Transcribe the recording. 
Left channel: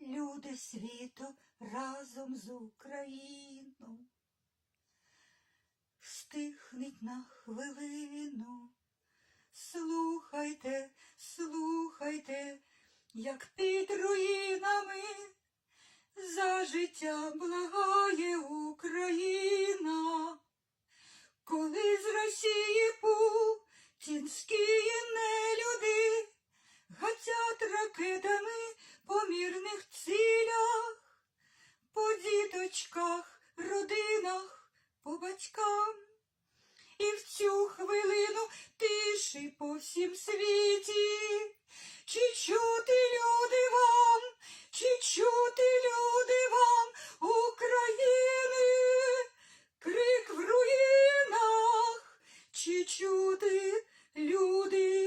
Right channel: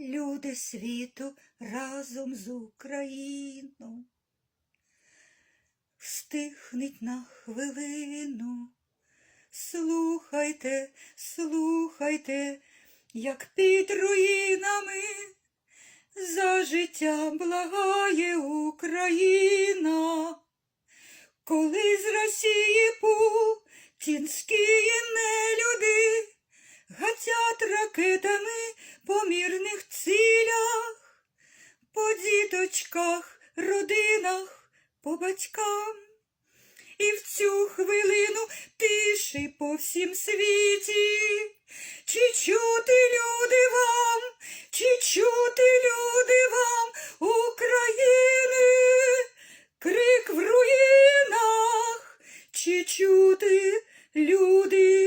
люди світу разом з Україною. Стихніть на хвилину, слухайте, слухайте, як під руїнами за життя благає Україна. Коли з Росії путінські нелюди гатять ракетами по мірних цілях, по діточках, родинах, по батькам. І в цю хвилину тиші по всім світі. Чи чути люди вам, чи чути люди вам України, крик в руїнах, чи чути люди?